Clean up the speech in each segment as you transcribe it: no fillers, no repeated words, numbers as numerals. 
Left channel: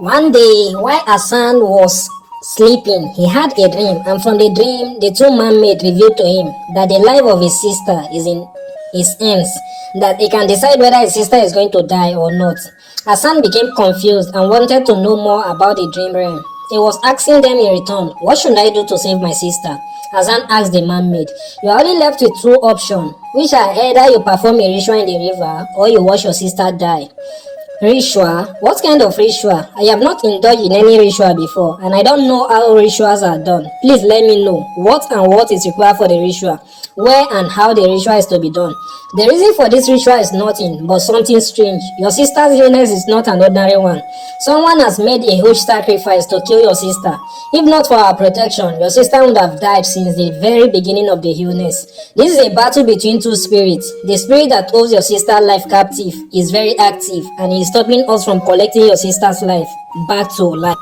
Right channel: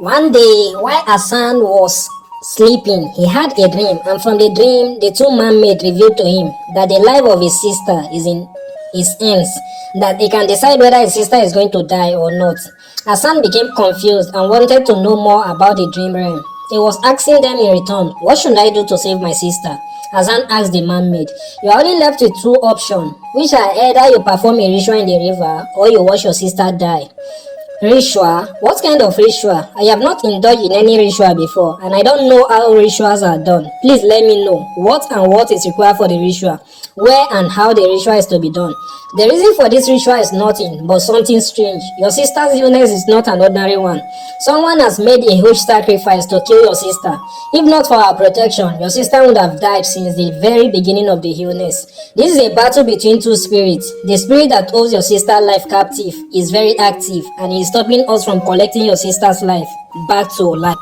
One day, while Hassan was sleeping, he had a dream, and from the dream, the two mermaids revealed to him that the life of his sister is in his hands, that he can decide whether his sister is going to die or not. Hassan became confused and wanted to know more about the dream realm. He was asking them in return, "What should I do to save my sister?" Hassan asked the mermaid, "You are only left with two options, which are either you perform a ritual in the river or you watch your sister die." Ritual? What kind of ritual? I have not indulged in any ritual before, and I don't know how rituals are done. Please let me know what is required for the ritual, where and how the ritual is to be done. The reason for this ritual is nothing but something strange. Your sister's illness is not an ordinary one. Someone has made a huge sacrifice to kill your sister. If not for our protection, your sister would have died since the very beginning of the illness. This is a battle between two spirits. The spirit that holds your sister's life captive is very active and is stopping us from collecting your sister's life back to life.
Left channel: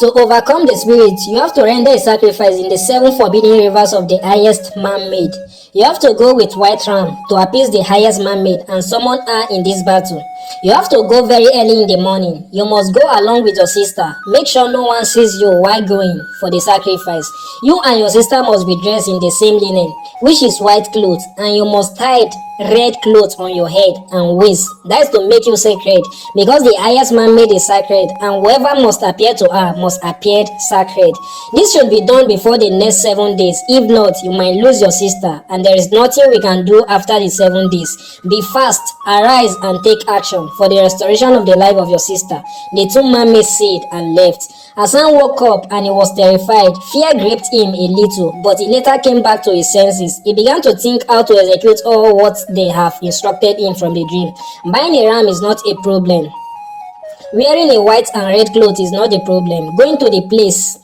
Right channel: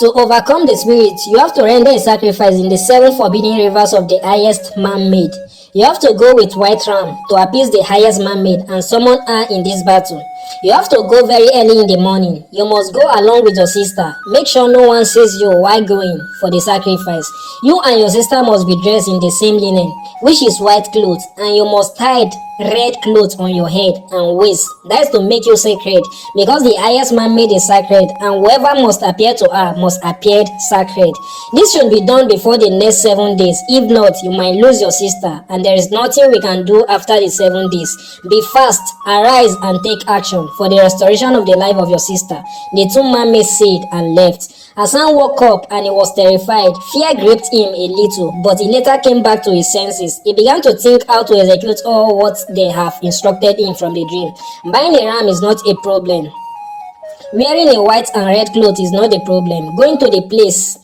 To overcome the spirit, you have to render a sacrifice in the 7 forbidden rivers of the highest mermaid. You have to go with white ram to appease the highest mermaid and summon her in this battle. You have to go very early in the morning. You must go along with your sister. Make sure no one sees you while going for the sacrifice. You and your sister must be dressed in the same linen, which is white clothes, and you must tie red clothes on your head and waist. That is to make you sacred, because the highest mermaid is sacred, and whoever must appear to her must appear sacred. This should be done before the next 7 days. If not, you might lose your sister, and there is nothing we can do after the 7 days. Be fast, arise, and take action for the restoration of the life of your sister. The two mermaids said and left. Hassan woke up and he was terrified. Fear gripped him a little, but he later came back to his senses. He began to think how to execute all what they have instructed him from the dream. Buying a ram is not a problem. Wearing a white and red cloth is not the problem. Going to the place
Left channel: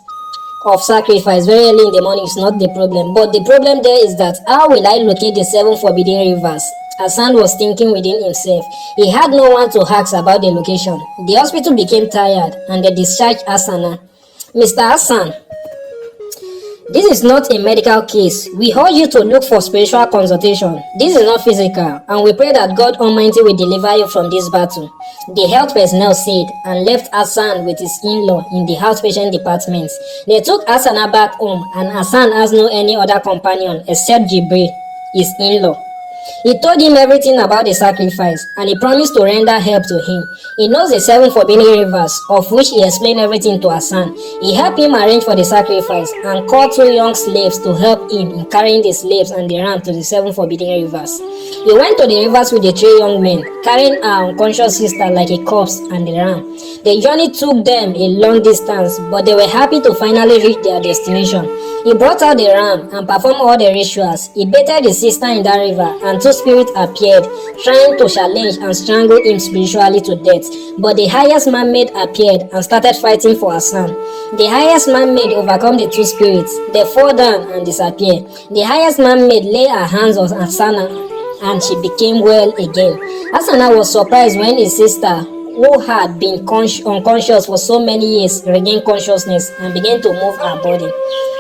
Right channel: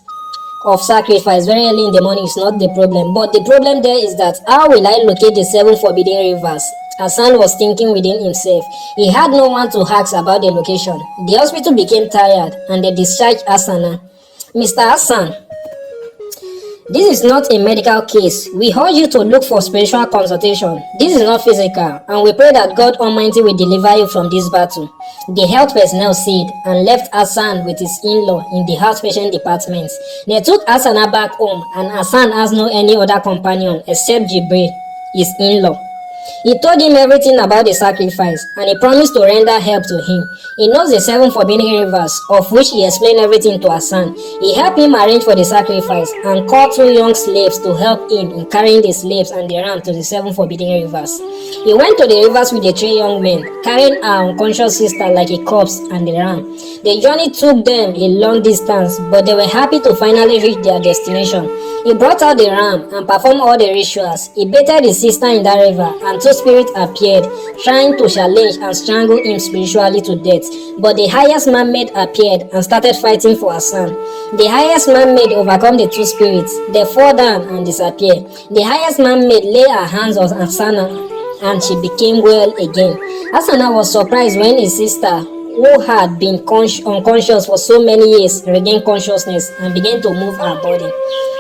of sacrifice very early in the morning is not the problem. But the problem there is that how will I locate the 7 forbidden rivers? Hassan was thinking within himself. He had no one to ask about the location. The hospital became tired and they discharged Hassan. "Mr. Hassan, this is not a medical case. We urge you to look for spiritual consultation. This is not physical, and we pray that God Almighty will deliver you from this battle," the health personnel said, and left Hassan with his in-law in the outpatient department. They took Hassan back home, and Hassan has no any other companion except Jibril, his in-law. He told him everything about the sacrifice, and he promised to render help to him. He knows the 7 forbidden rivers, of which he explained everything to Hassan. He helped him arrange for the sacrifice and called 2 young slaves to help him in carrying the slaves and the ram to the 7 forbidden rivers. He went to the rivers with the 3 young men, carrying our unconscious sister like a corpse and the ram. The journey took them a long distance, but they were happy to finally reach their destination. He brought out the ram and performed all the rituals. He bathed his sister in that river, and 2 spirits appeared, trying to challenge and strangle him spiritually to death. But the highest mermaid appeared and started fighting for Hassan. The highest mermaid overcome the 2 spirits. They fall down and disappear. The highest mermaid lay her hands on Hassan and she became well again. Hassan was surprised when his sister, who had been unconscious for so many years, regained consciousness and began to move her body.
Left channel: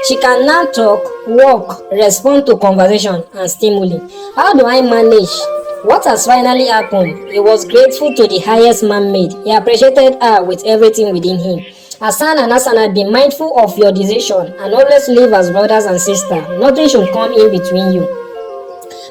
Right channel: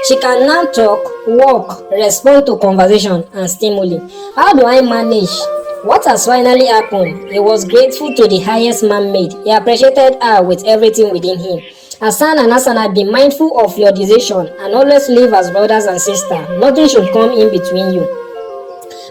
She can now talk, walk, respond to conversation, and stimuli. How do I manage? What has finally happened? He was grateful to the highest mermaid. He appreciated her with everything within him. Hassan and Hassan, be mindful of your decision and always live as brothers and sisters. Nothing should come in between you.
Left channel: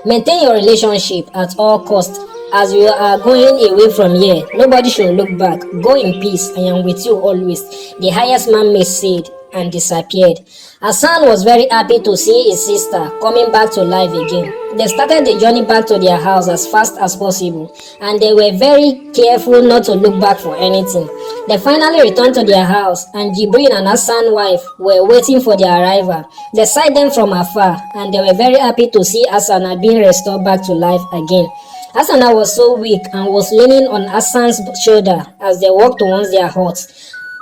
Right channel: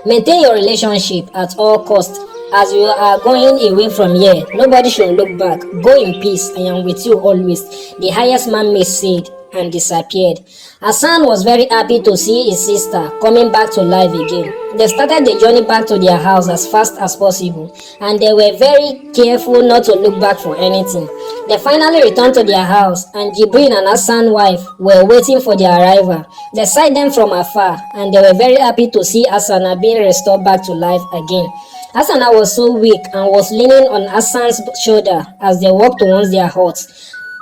Maintain your relationship at all costs. As you are going away from here, nobody should look back. Go in peace. I am with you always, the highest mermaid said, and disappeared. Hassan was very happy to see his sister coming back to life again. They started the journey back to their house as fast as possible, and they were very careful not to look back for anything. They finally returned to their house, and Jibril and Hassan's wife were waiting for their arrival. They sighted them from afar, and they were very happy to see Hassan being restored back to life again. Hassan was so weak and was leaning on Hassan's shoulder as they walked towards their hut.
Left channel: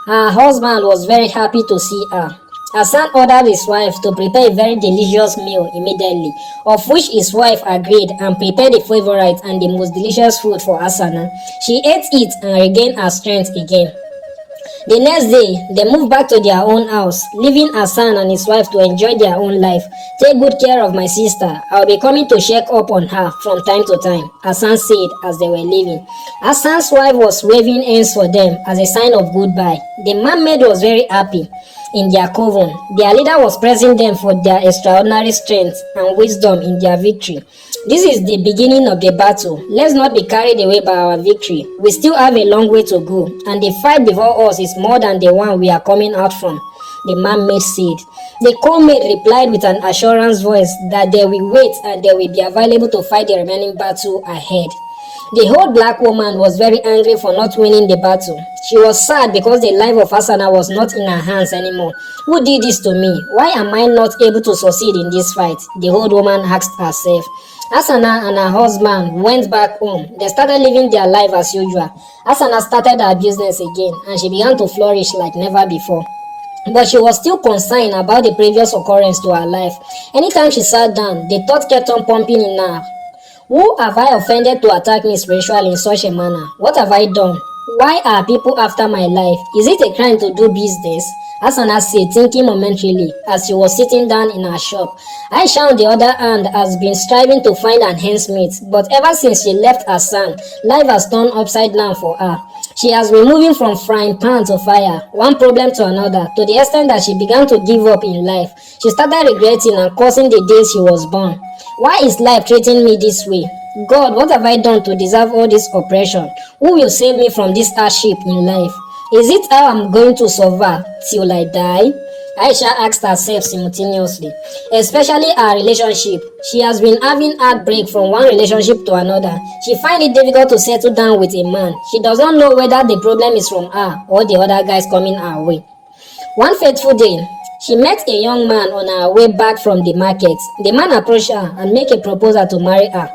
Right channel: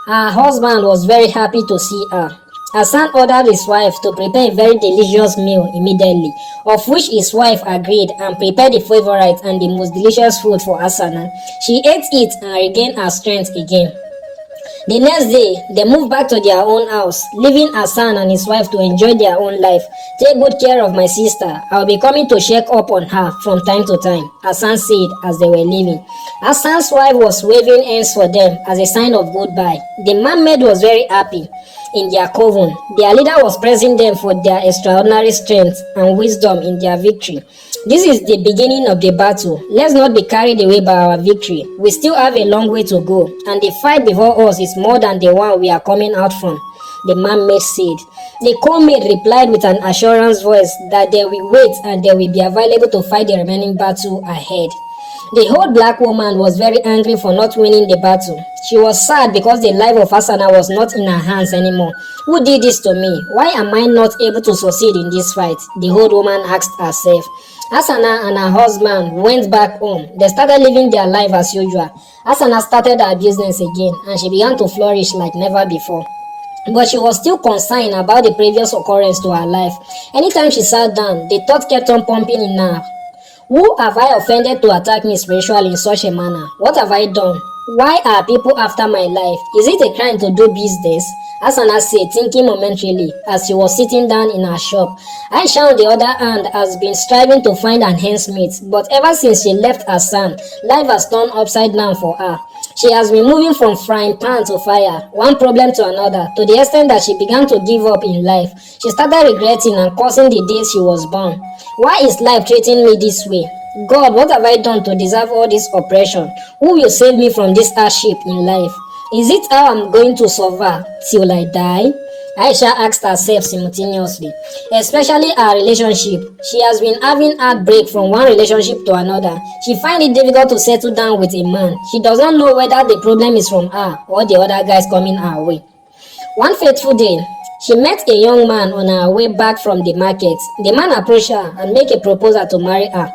Her husband was very happy to see her. Hassan ordered his wife to prepare a very delicious meal immediately, of which his wife agreed and prepared the favorite and the most delicious food for Hassan. She ate it and regained her strength again. The next day, they moved back to their own house, leaving Hassan and his wife to enjoy their own life. Take good care of my sister. I'll be coming to check up on her from time to time, Hassan said as they were leaving. Hassan's wife was waving hands for them as a sign of goodbye. The mermaid was very happy in their coven. Their leader was praising them for their extraordinary strength and wisdom in their victory. This is the beginning of the battle. Let's not be carried away by our victory. We still have a long way to go, and the fight before us is more than the one we are coming out from, the mermaid said. The co-maid replied with an assurance voice that they will wait and they will be available to fight the remaining battle ahead. The old black woman was very angry for not winning the battle. She was sad because the life of Asana was not in her hands anymore. Who did this to me? Why am I not able to succeed in this fight? The old woman asked herself. Asana and her husband went back home. They started living their life as usual. Asana started her business again and she began to flourish like never before. But she was still concerned about the previous occurrence to her life. Anytime she sat down, the thought kept on pumping in her. Who have I offended to attack me spiritually in such a manner? What have I done? Why are people after my life? Is it a crime to do business? Asana said, thinking momentarily as she was sitting down in her shop. Aisha, on the other hand, has been striving to find an handmaid, but ever since she left her son, life has turned upside down for her. She has been moving from frying pan to fire, one problem to another, to the extent that she began to give up in life. She started regretting and cursing the days she was born. Why is life treating me this way? God, what have I done to deserve all this oppression? Who will save me from this hardship in life? Is it how I'm going to suffer till I die? Aisha asked herself simultaneously, especially her relationship. She has been having heartbreak from one relationship to another. She finds it difficult to settle down with a man. She doesn't know whether the problem is from her or the other guys coming her way. One fateful day, she met a young man on her way back from the market. The man approached her and made a proposal to marry her.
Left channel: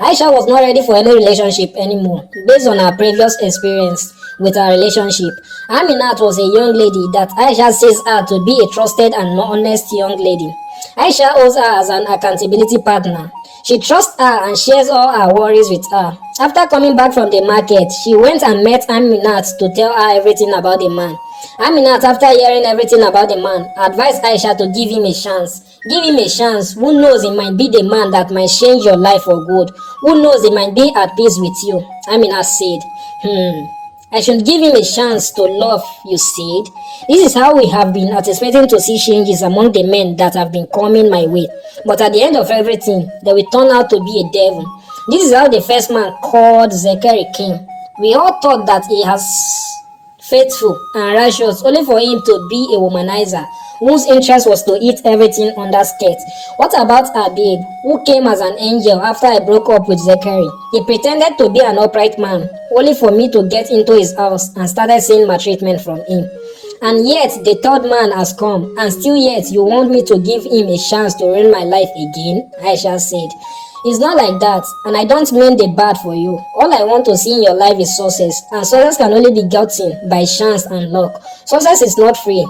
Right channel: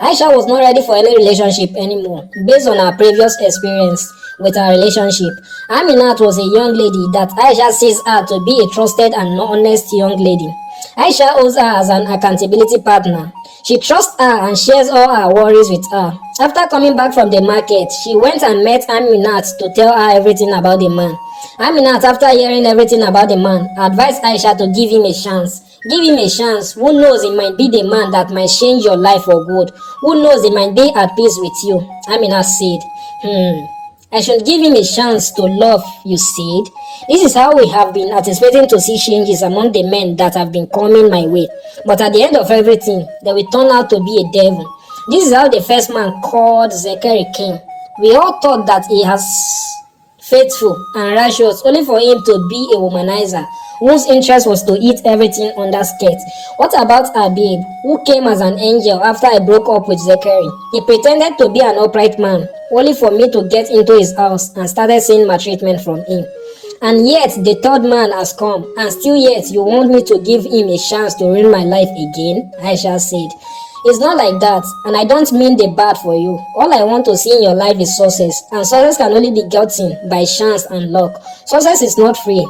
Aisha was not ready for any relationship anymore, based on her previous experience with her relationship. Aminat was a young lady that Aisha sees her to be a trusted and honest young lady. Aisha owes her as an accountability partner. She trusts her and shares all her worries with her. After coming back from the market, she went and met Aminat to tell her everything about the man. Aminat, after hearing everything about the man, advised Aisha to give him a chance. Give him a chance. Who knows, it might be the man that might change your life for good. Who knows, he might be at peace with you. Aminat said, I should give him a chance to love, you said. This is how we have been anticipating to see changes among the men that have been coming my way. But at the end of everything, they will turn out to be a devil. This is how the first man called Zechariah came. We all thought that he has faithful and righteous, only for him to be a womanizer whose interest was to eat everything under skirt. What about Abib, who came as an angel after I broke up with Zechariah? He pretended to be an upright man, only for me to get into his house and started seeing maltreatment from him. And yet the third man has come, and still yet you want me to give him a chance to ruin my life again? Aisha said. It's not like that, and I don't mean the bad for you. All I want to see in your life is success, and success can only be gotten by chance and luck. Success is not free.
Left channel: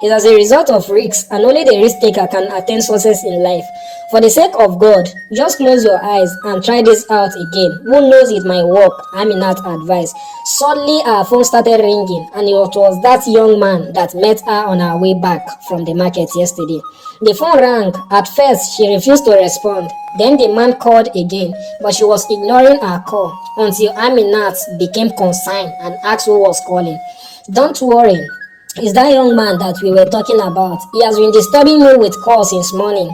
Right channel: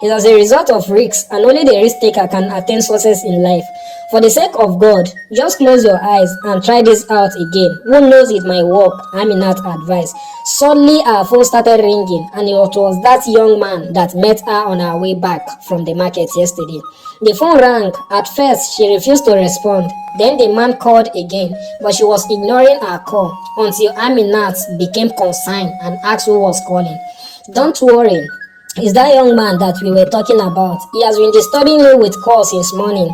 It's as a result of risks, and only the risk taker can attain success in life. For the sake of God, just close your eyes and try this out again. Who knows, it might work, Aminat advised. Suddenly her phone started ringing, and it was that young man that met her on her way back from the market yesterday. The phone rang. At first, she refused to respond. Then the man called again, but she was ignoring her call until Aminat became concerned and asked who was calling. Don't worry, it's that young man that we were talking about. He has been disturbing me with calls since morning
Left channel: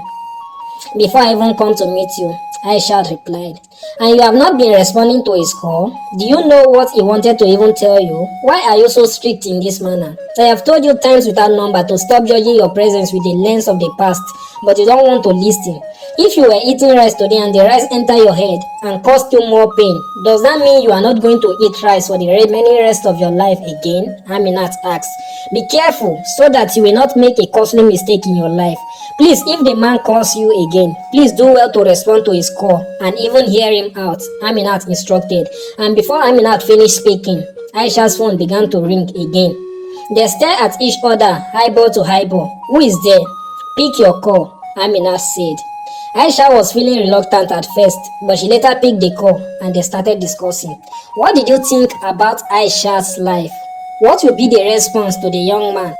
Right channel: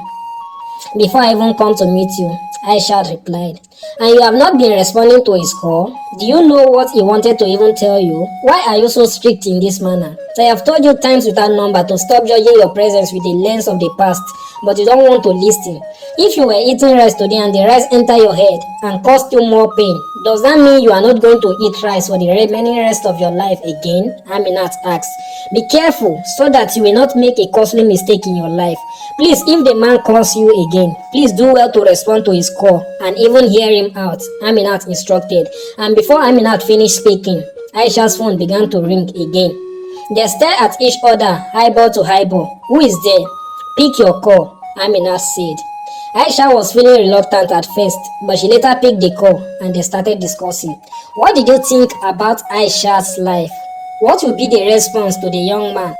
before I even come to meet you, Aisha replied. And you have not been responding to his call? Do you know what he wanted to even tell you? Why are you so strict in this manner? I have told you times without number to stop judging your presence with the lens of the past, but you don't want to listen. If you were eating rice today and the rice enter your head and caused you more pain, does that mean you are not going to eat rice for the remaining rest of your life again? Aminat asked. Be careful so that you will not make a costly mistake in your life. Please, if the man calls you again, please do well to respond to his call and even hear him out, Aminat instructed. And before Aminat finished speaking, Aisha's phone began to ring again. They stared at each other, eyeball to eyeball. Who is there? Pick your call, Aminat said. Aisha was feeling reluctant at first, but she later picked the call and they started discussing. What did you think about Aisha's life? What will be the response to the young man?